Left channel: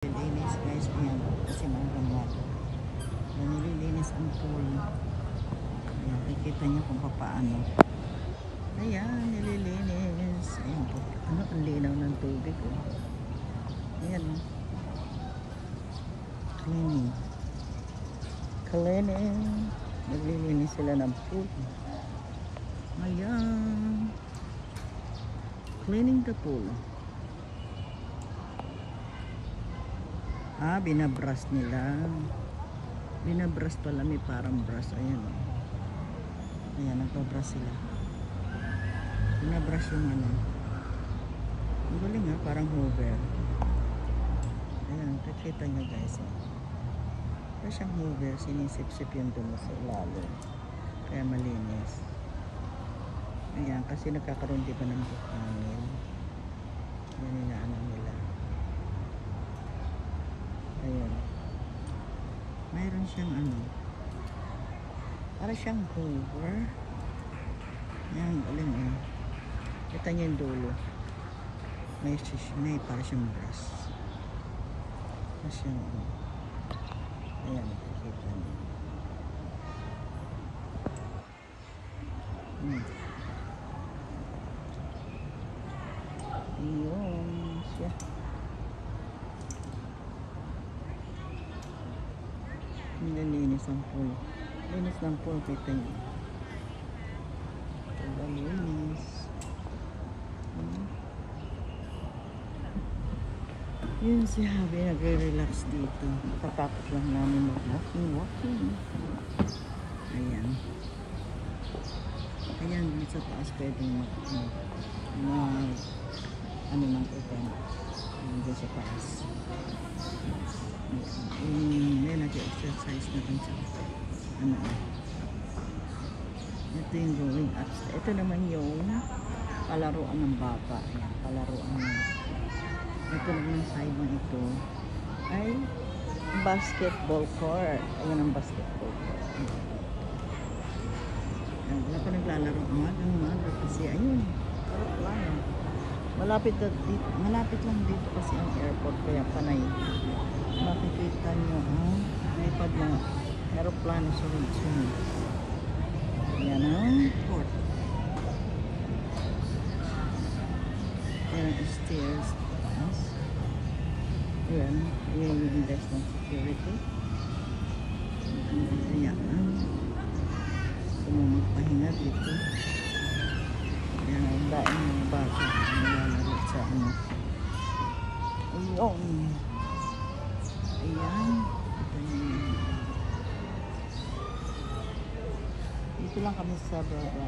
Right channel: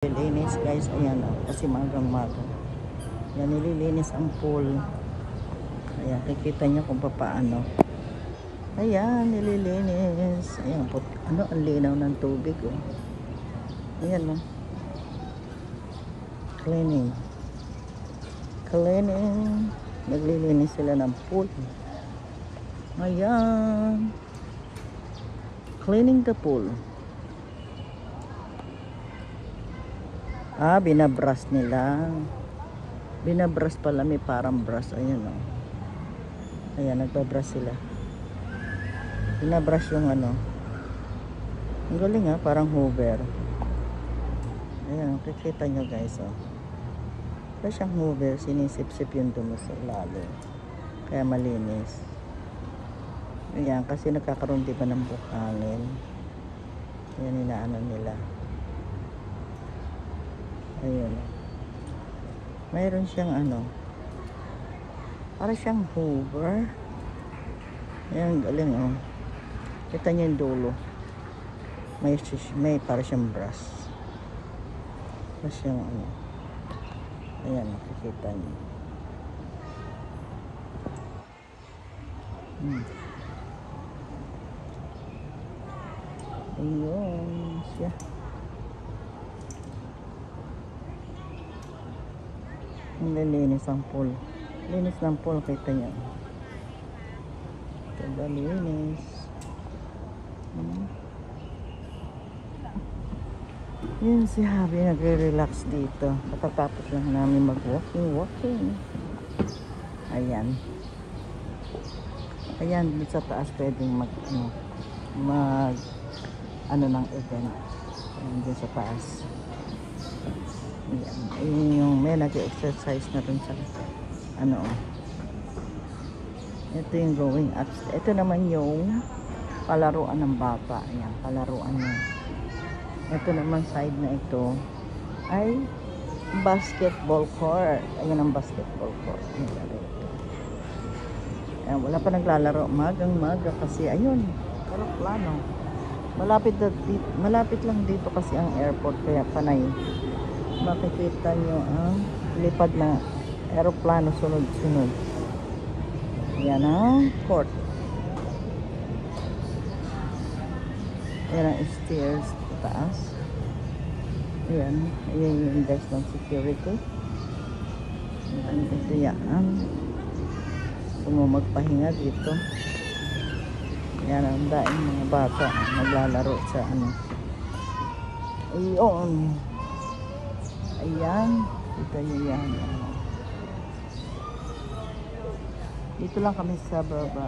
Nililinis guys, ayan, kasi magang-maga. Ayan, nililinis ang pool. Ayan, kikita niyo kung paano. Ayan, nililinis. Ayan, ano, ang linaw ng tubig. Oh. Ayan, no. Cleaning. Cleaning. Naglilinis sila ng pool. Ayan. Cleaning the pool. Binabrush nila. Binabrush pala, may parang brush. Ayan, o. Ayan, nagbabrush sila. Binabrush yung ano. Ang galing, ha, parang hoover. Ayan, kikita nyo guys, o. Parang siyang hoover, sinisip-sip yung dumi sa lado. Kaya malinis. Ayan, kasi nagkakaroon diba ng bukanin. Ayan, inaano nila. Ayan. Mayroon siyang ano. Para siyang hoover. Ayan, galing, oh. Kita niyo yung dulo. May para siyang brush. Para siyang ano. Ayan, makikita niyo. Ayan siya. Nililinis ang pool. Linis ng pool, kita nyo. Nililinis. Yun si Habi, nagre-relax dito. Matatapos lang namin mag-walking. Ayan. Ayan, dito sa taas pwedeng ano ng event. Ayan, dito sa taas. Ayan, yung may nag-exercise na rin sa ano. Ito yung going up. Ito naman yung palaruan ng bata. Ayan, palaruan ng. Ito naman side na ito ay basketball court. Ayan ang basketball court. Ayan, wala pa naglalaro. Magang-maga kasi ayun. Malapit lang dito kasi ang airport, kaya panay. Makikita nyo ang lipad na aeroplano sunod-sunod. Yan ang court. Yan ang stairs taas. Yan. Yan yung guys ng security. Ito yan. Kung magpahinga dito. Yan ang daing bata naglalaro sa ano. Ayun. Ayan. Kita nyo yan. Dito lang kami sa baba.